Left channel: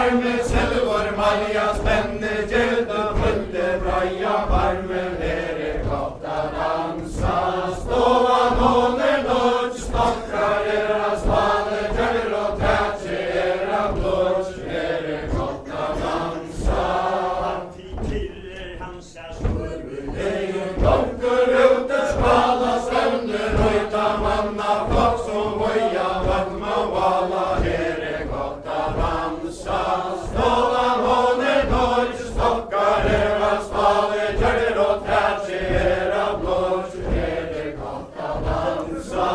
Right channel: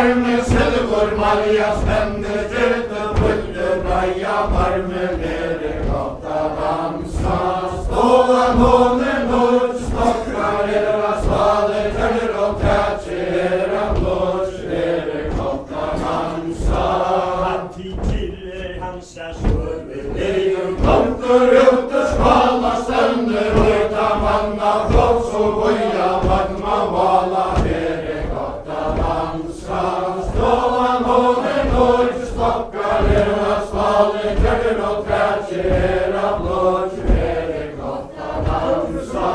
varme silver Maria spänner gällde fulle braja varme nere gata dansa ståan håller nåd stockar era svaler kärler och tätje era blås nere gata dansa Han till hansa svurve lejon konkur ute skvala sönder och ta manna flott som boja vagna vala nere gata dansa ståan håller nåd stockar era svaler kärler och tätje era blås nere gata dansa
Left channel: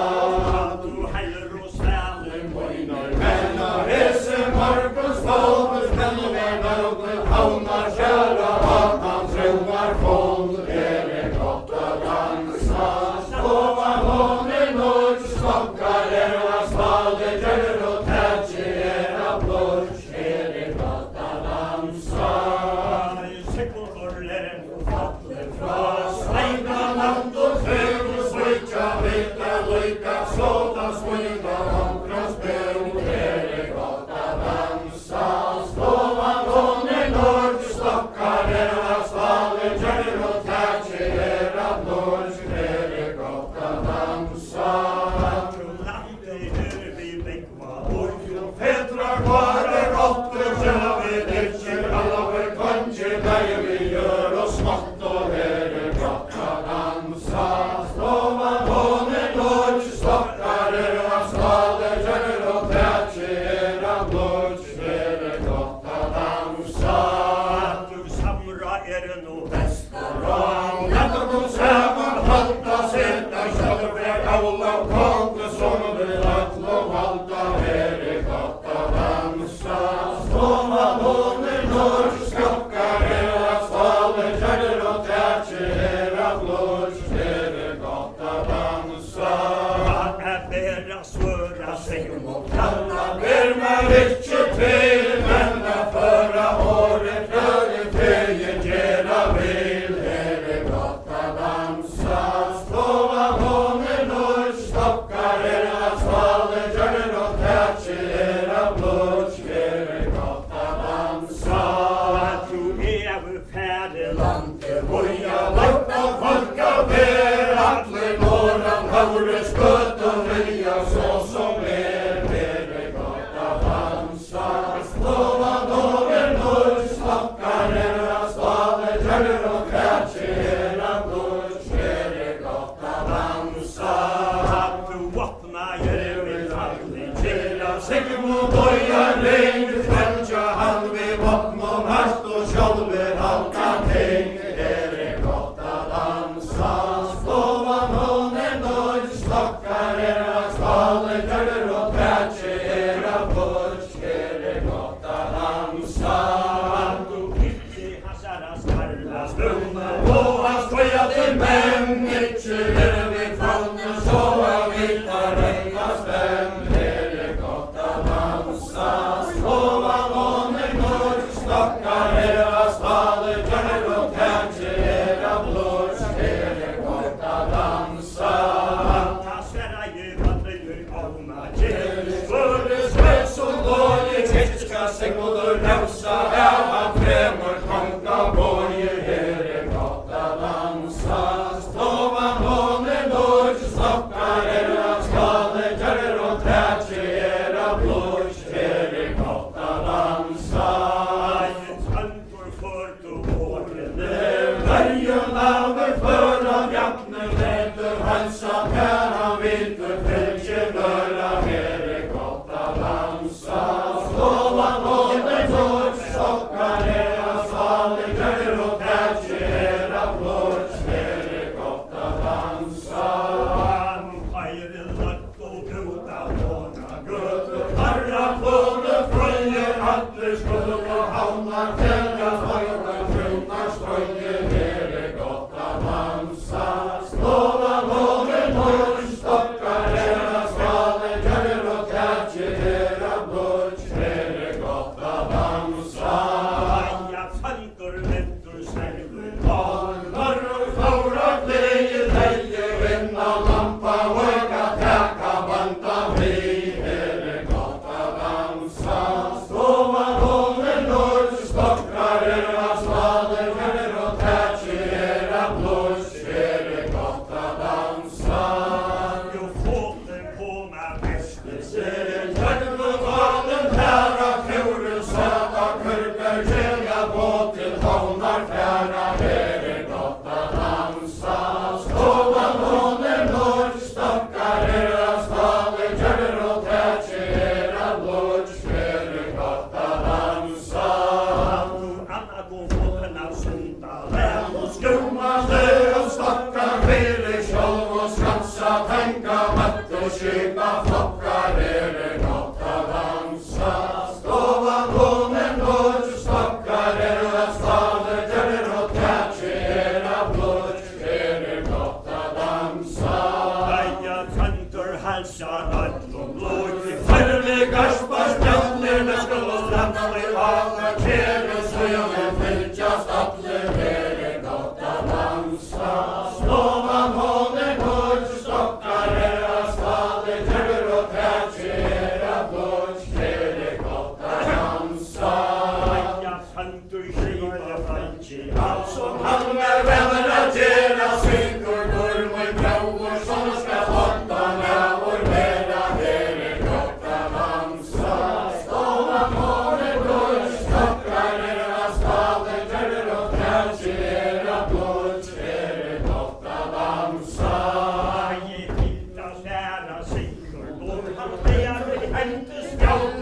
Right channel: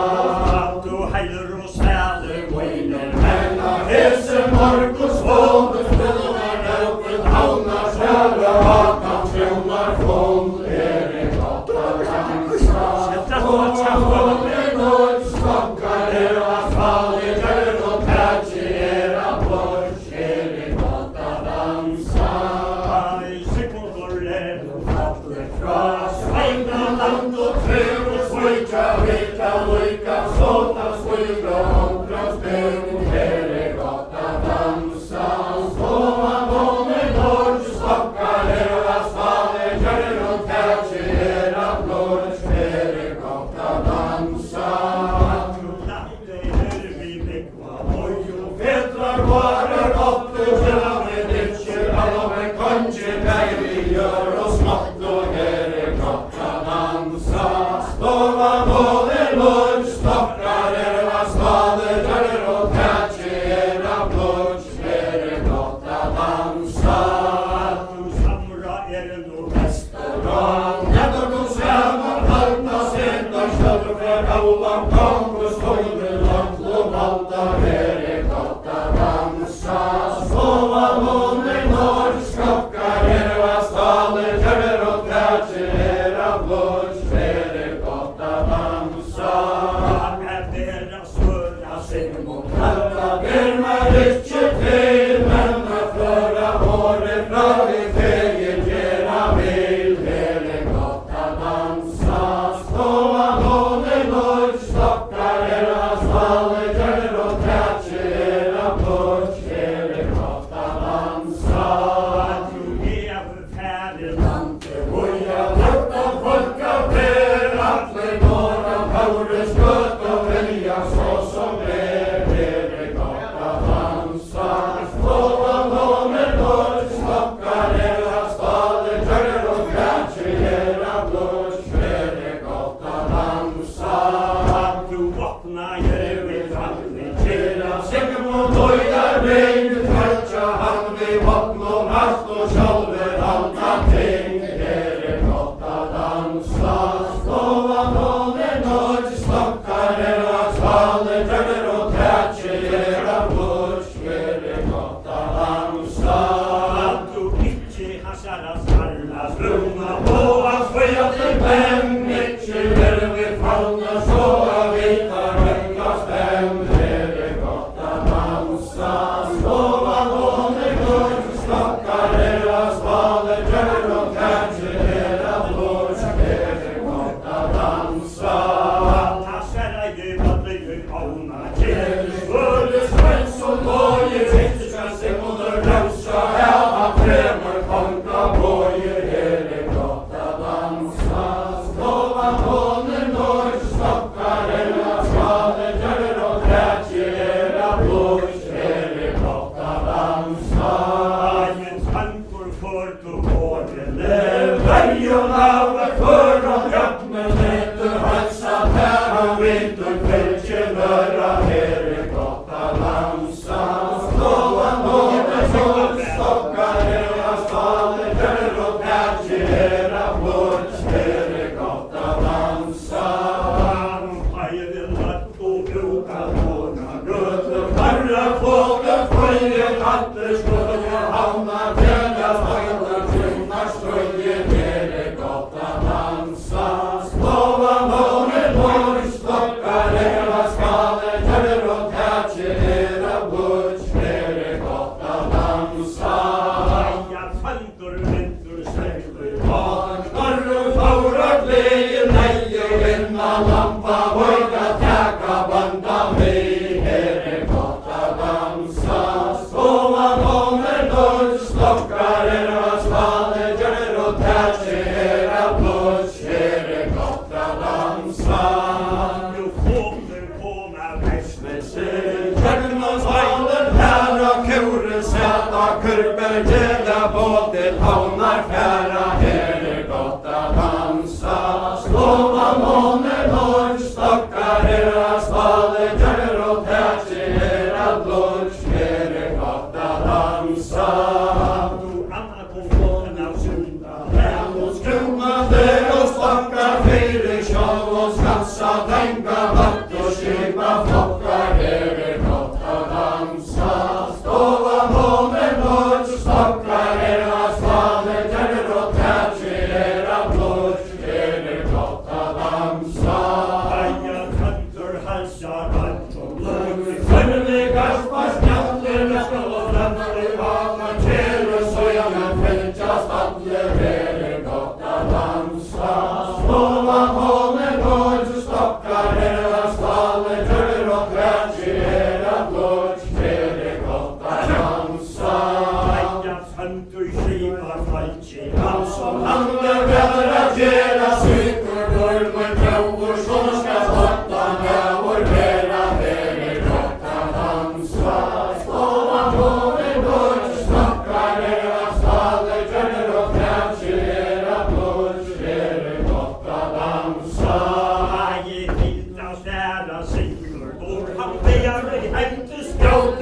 Då heller och sväller Winer mellan hesen Markus Volbus Mellan väldigt hauna kära Hatan trämmar från er gata dansa Ståan håller nåd stockar era svaler kärler och tätje era blås nere gata dansa Svejna land och träd och svojka veta lojka såta svojka hoppras bön nere gata dansa Ståan håller nåd stockar era svaler kärler och tätje era blås nere gata dansa Fetrar kvarer åtte själva med ditcher alla med kanske där vi gör oss smått och nere gata dansa Ståan håller nåd stockar era svaler kärler och tätje era blås nere gata dansa Restaurang Nätter på svämmar halta sätta självväg alla kampus håller att och halta nere gata dansa Ståan håller nåd stockar era svaler kärler och tätje era blås nere gata dansa Kalla ber med riktigt väl Männa förra året Frölig fejen gera vil Hele gata dansa Ståan håller nåd stockar era svaler kärler och tätje era blås nere gata dansa Lante boja vart och folka ber Atle några paures gött och välja så som nere gata dansa Ståan håller nåd stockar era svaler kärler och tätje era blås nere gata dansa Tjera säcken och doja regn Fältja han vid vatten och rast och själver halka ting nere gata dansa Ståan håller nåd stockar era svaler kärler och tätje era blås nere gata dansa Brunna på hans sköja till män Mitcher vid fallna sova vita räcka stäm nere gata dansa Ståan håller nåd stockar era svaler kärler och tätje era blås nere gata dansa Skulle svensk och låge Fiska sig moder dansa Äva främmer konka borger nere gata dansa Ståan håller nåd stockar era svaler kärler och tätje era blås nere gata dansa Värjon över förra grappen Äter halsa päran vinter fältje löra nere gata dansa Ståan håller nåd stockar era svaler kärler och tätje era blås nere gata dansa Göte farra fåglar följer Hatters skulle hamna Fälja spöjlar trunnar stöjer nere gata dansa Ståan håller nåd stockar era svaler kärler och tätje era blås nere gata dansa Vagnar och faurat lejen nej och vinna lampa våga täcka banda mig nere gata dansa Ståan håller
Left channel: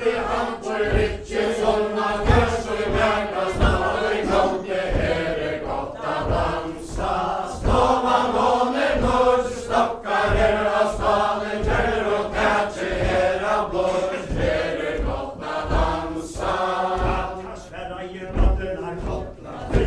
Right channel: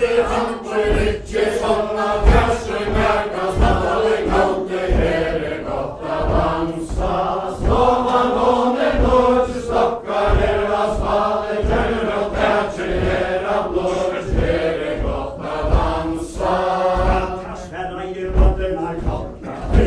kaldi handböj, ikke sånna fjärsöng hjärtas nalli kaldi, her gott att dansa. Ståvan månen dörr, stockar era svale, kjör och tätje era blås, her gott att dansa. Sverra i rådderna kottna. Nu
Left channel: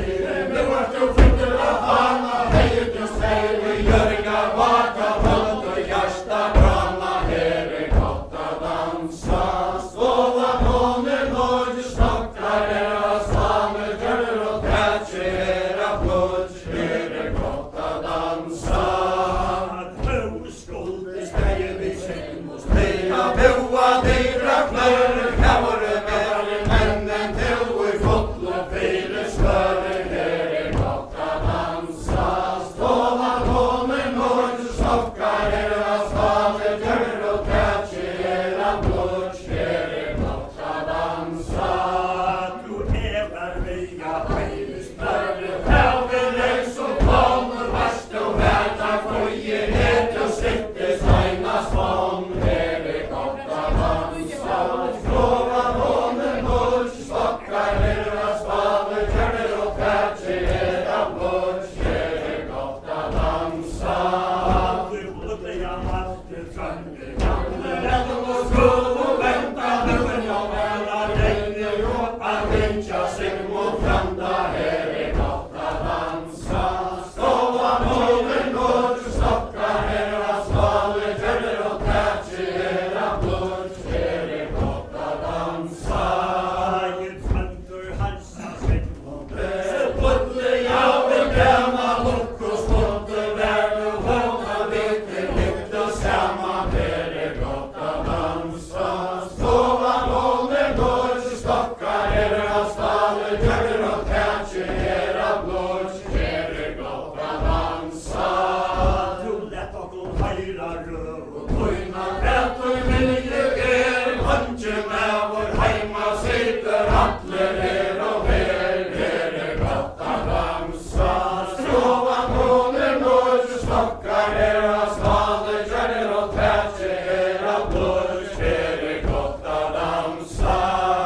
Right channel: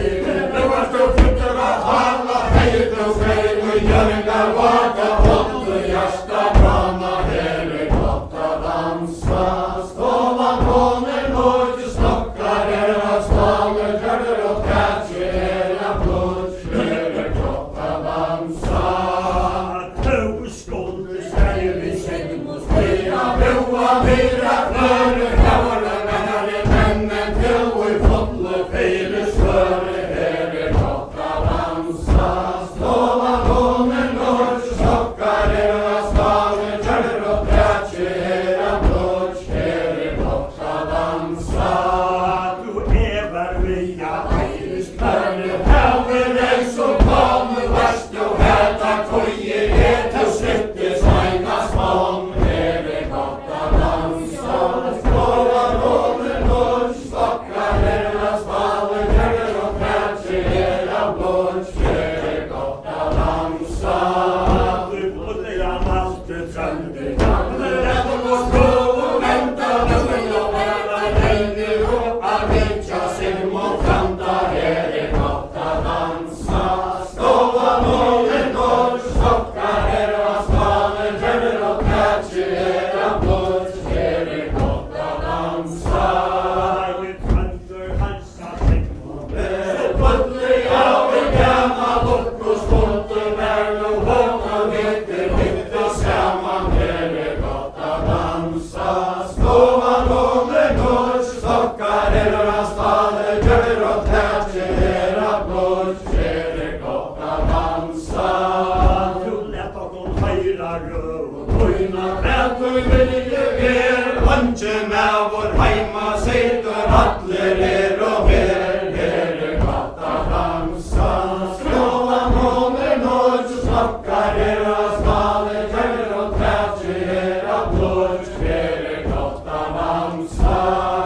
är du flyttar att handla, hej du skrev och görningar vaka, håll och hjärsta brana, her gott att dansa. Ståvan månen dörr, stockar era svale, kjör och tätje era blås, her gott att dansa. Tåskulder ska ju vi säng och Mera boa, mera klöre, kavre, mera männen till vi fotlo, fyra slöre, her gott att dansa. Ståvan månen dörr, stockar era svale, kjör och tätje era blås, her gott att dansa. Du ävar via Hörru, häver ej som kommer värst och här tack foje get och släppte svajna spång, her gott att dansa. Ståvan månen dörr, stockar era svale, kjör och tätje era blås, her gott att dansa. Du bodde jag alltid trönder. Rätt och skål och vänta, nu och bara länge ropa, vincha sim och framta, her gott att dansa. Ståvan månen dörr, stockar era svale, kjör och tätje era blås, her gott att dansa. Varje trönder halsa sig. Så puttlig jag vill gräma, lock och sponte, värn och hålla vete, mitt och samman, her gott att dansa. Ståvan månen dörr, stockar era svale, kjör och tätje era blås, her gott att dansa. Du lätt och god höjra röv. Kujna prätur vilje hanche med vår heima sitter atler och mer, her gott att dansa. Ståvan månen dörr, stockar era svale, kjör och tätje era blås, her gott att dansa.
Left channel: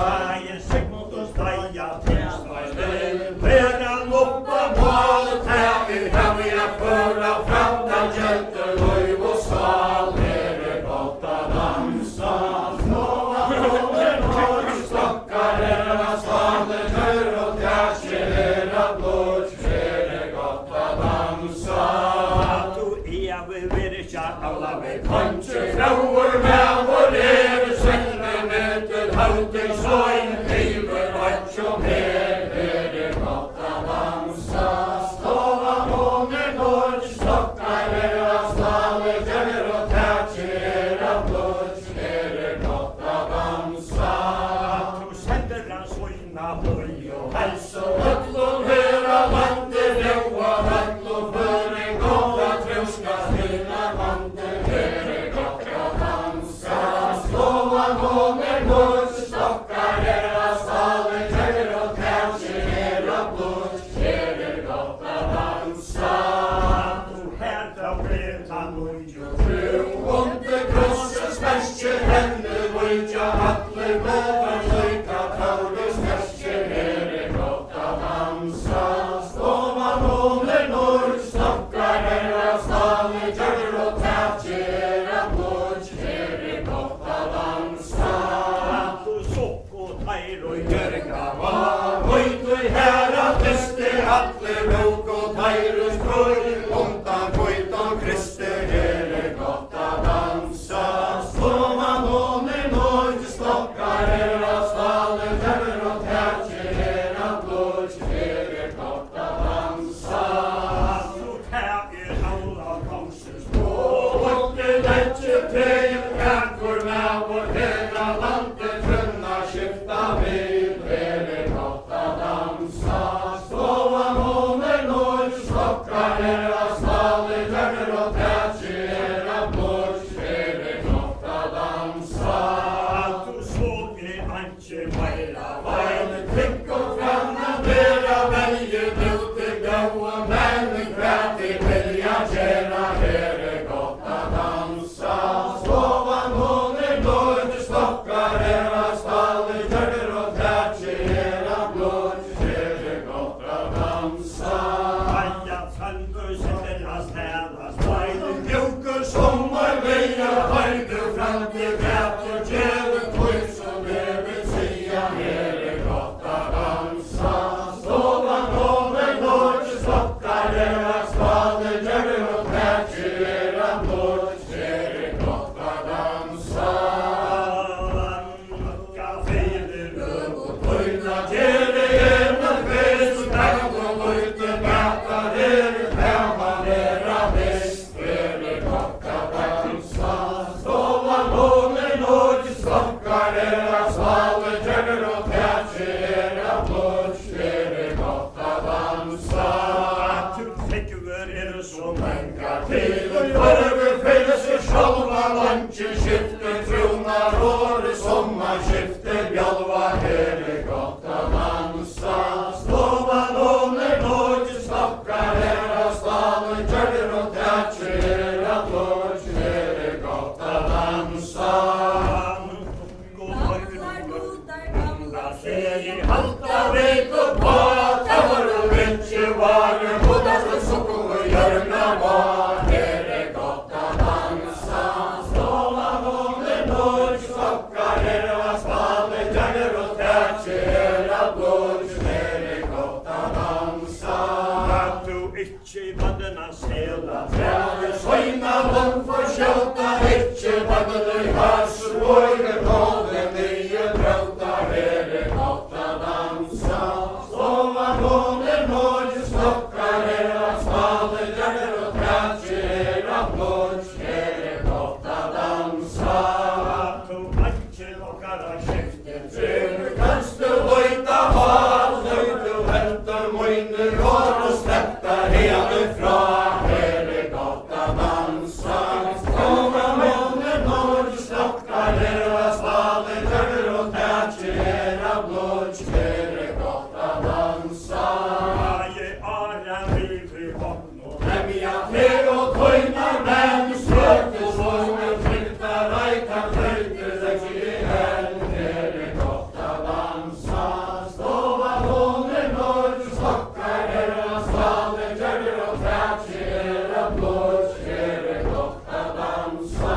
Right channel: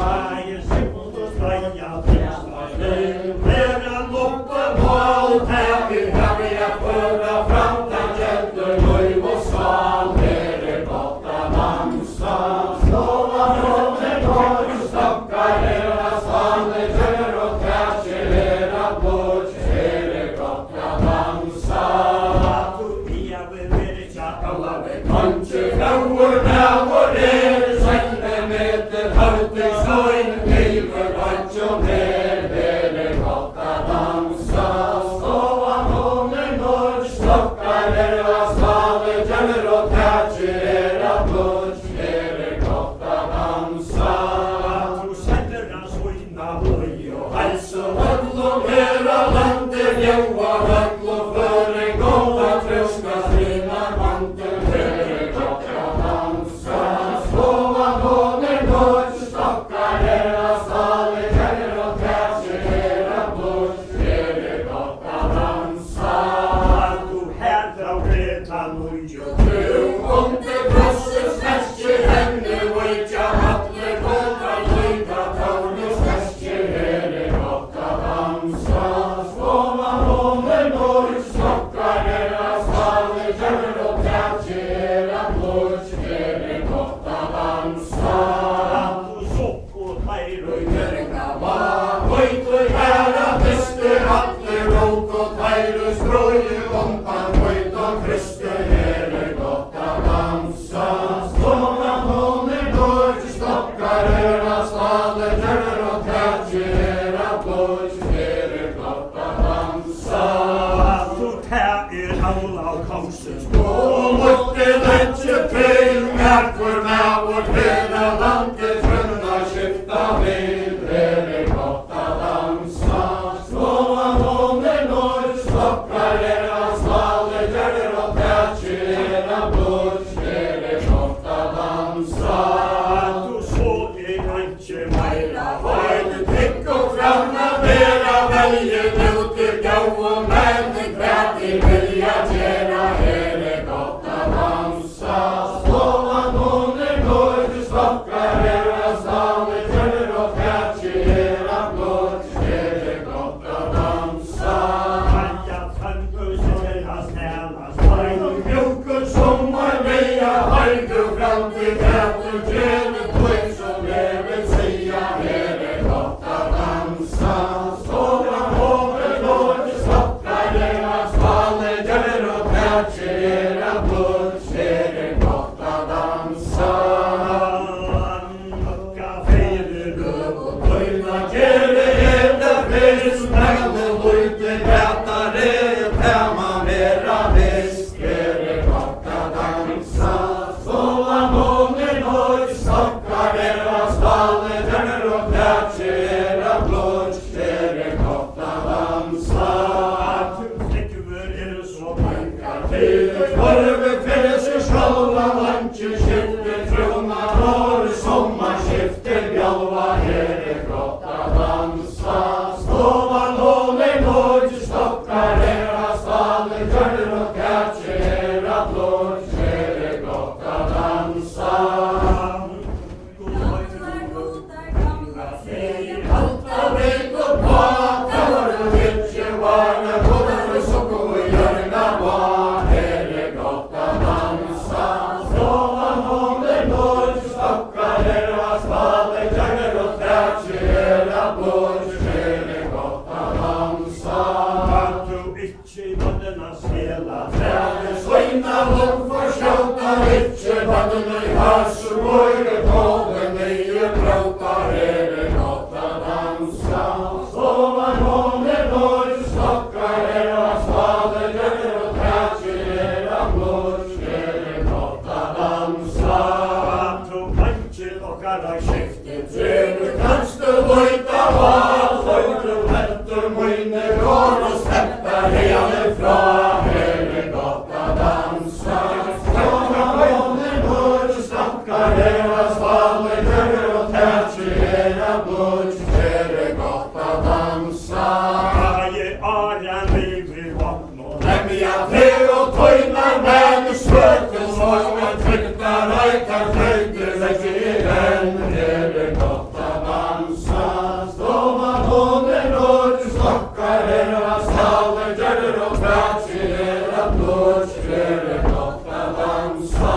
Varje sekund och straja tillsvar. Veran uppe på allt här vi föra fram där kälter, löj och sval, her gott att dansa. Ståvan månen dörr, stockar era svale, kjör och tätje era blås, her gott att dansa. Du äver virka alla väg. Kanske flauer med vår selve meter halvting sløyn, liver vatsjo mer, her gott att dansa. Ståvan månen dörr, stockar era svale, kjør och tätje era blås, her gott att dansa. Du sätter hans ojna boj och Alltså öllom hela landet, ljoa vall och för en gåva tröska sina mantel, her gott att dansa. Ståvan månen dörr, stockar era svale, kjör och tätje era blås, her gott att dansa. du härdar redan oj och Du onte krossens mästje, henne vujtja hattler, båda löjta taunus mästje, her gott att dansa. Ståvan månen dörr, stockar era svale, kjör och tätje era blås, her gott att dansa. du sock och tajr och Görga var vujt och hära bäste, hattler, rok och tajrus, broj, onta vujt och kriste, her gott att dansa. Ståvan månen dörr, stockar era svale, kjör och tätje era blås, her gott att dansa. du tär alla konsens Och måtte länge pejl, härför med vårt hela landet, fröna skifta vid, her gott att dansa. Ståvan månen dörr, stockar era svale, kjör och tätje era blås, her gott att dansa. du så antje mera Vajt trygg och framma, mera välje duter, gau och män, kvät i vilja tjäna, her gott att dansa. Ståvan månen dörr, stockar era Ekki halda veiku på, það voru vitsi varu, húnast við sokku og jörna var. Hér gott að dansa, stofan hún núr, stokkar að spaði, tjagir og trætsir að blóð. Hér gott að dansa. Kan du ikke vannene sela? Træði sveina vond for skjóta, ikke vannene I harsur og I tóðin nýju bráta. Hér gott að dansa, stofan hún núr, stokkar að spaði, tjagir og trætsir að blóð. Hér gott að dansa. Kan du mannkinn okkar að skipti? Fyrir kannstu vita val, lautu heldur muni og slepta híðanum frá. Hér gott að dansa, stofan hún núr, stokkar að spaði, tjagir og trætsir að blóð. Hér gott að dansa. Ég en vigri vagn og Lemja þig og tóinar menn svötu svo sem trygta rækar þröndur þessi í henn. Hér gott að dansa, stofan hún núr, stokkar að staði, tjagir og trætsir að blóð. Hér gott að dansa.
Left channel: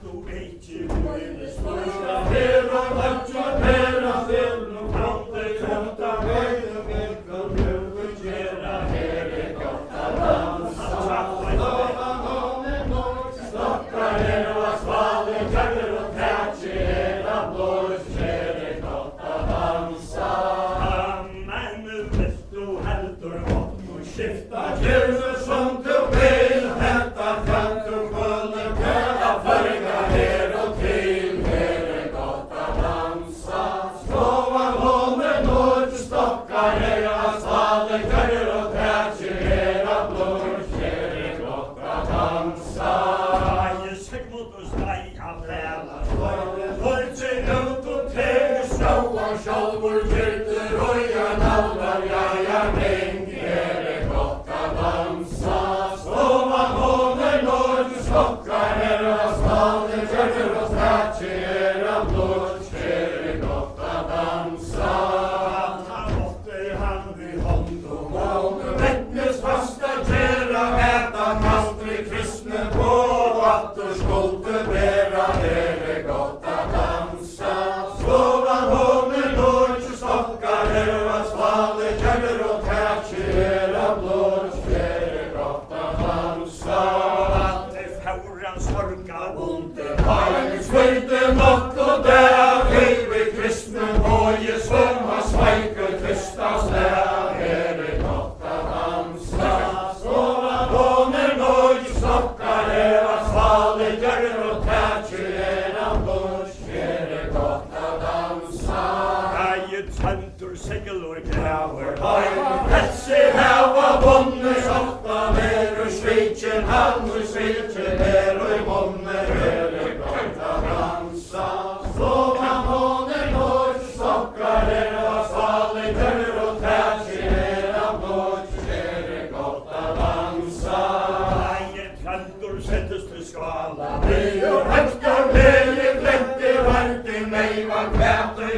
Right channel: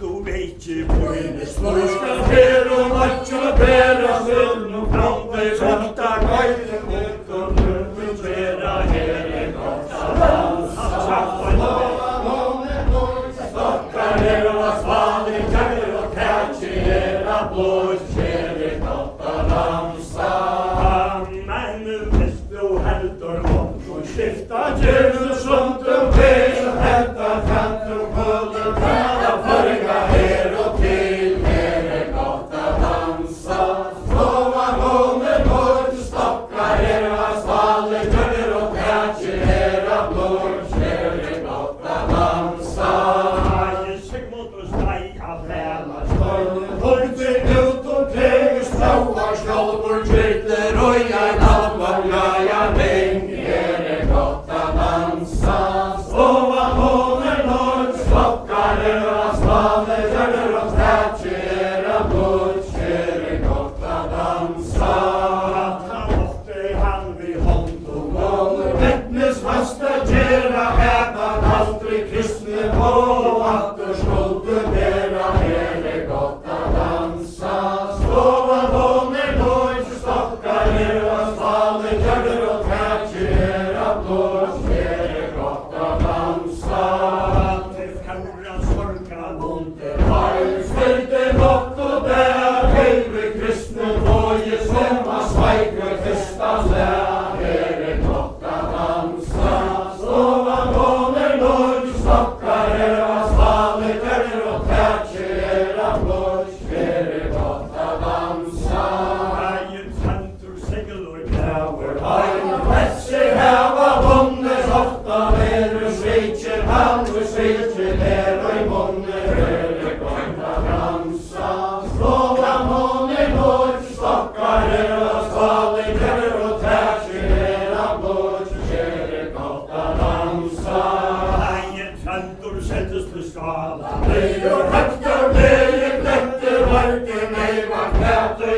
þú veit ég búinni Slúska fyrir og lætja bera þinnum framveg þetta gæðum ykkur mjög bera. Hér gott að dansa, stofan hún núr, stokkar að spaði, tjagir og trætsir að blóð. Hér gott að dansa. menn vilt þú heldur vagn og skipta Gjörðu svöndum við, hendar fjandur kvöldur, hvaða farga hér og til. Hér gott að dansa, stofan hún núr, stokkar að staði, tjagir og trætsir að blóð. Hér gott að dansa. Ég sigmund og stæ að vela Stofnum hómsi út og tegur sláa, sjálfur kyrlir og ég náttúr jæja reng. Hér gott að dansa, stofan hún núr, stokkar að staði, tjagir og trætsir að blóð. Hér gott að dansa. Það ótti hann við hånd og Móður vettnis fasta gera, eða aldrei kristni og aftur skóldu bera. Hér gott að dansa, stofan hún núr, stokkar að staði, tjagir og trætsir að blóð. Hér gott að dansa. Allir fjáran sorga vondir Hælins fylgdi nokkuð der, heifi kristnum og ég svömma svækur fyrstafslega. Hér gott að dansa, stofan hún núr, stokkar að staði, tjagir og trætsir að blóð. Hér gott að dansa. Ægir tvendur seglur grafur Hælin þessi hefa vonnis ofta veru sveitsin, halvur sveitsin og í munni. Hér gott að dansa, stofan hún núr, stokkar að staði, tjagir og trætsir að blóð. Hér gott að dansa. Ægir tvendur settust við skala Við og höftar við, ég gletti varti, meivan hvættu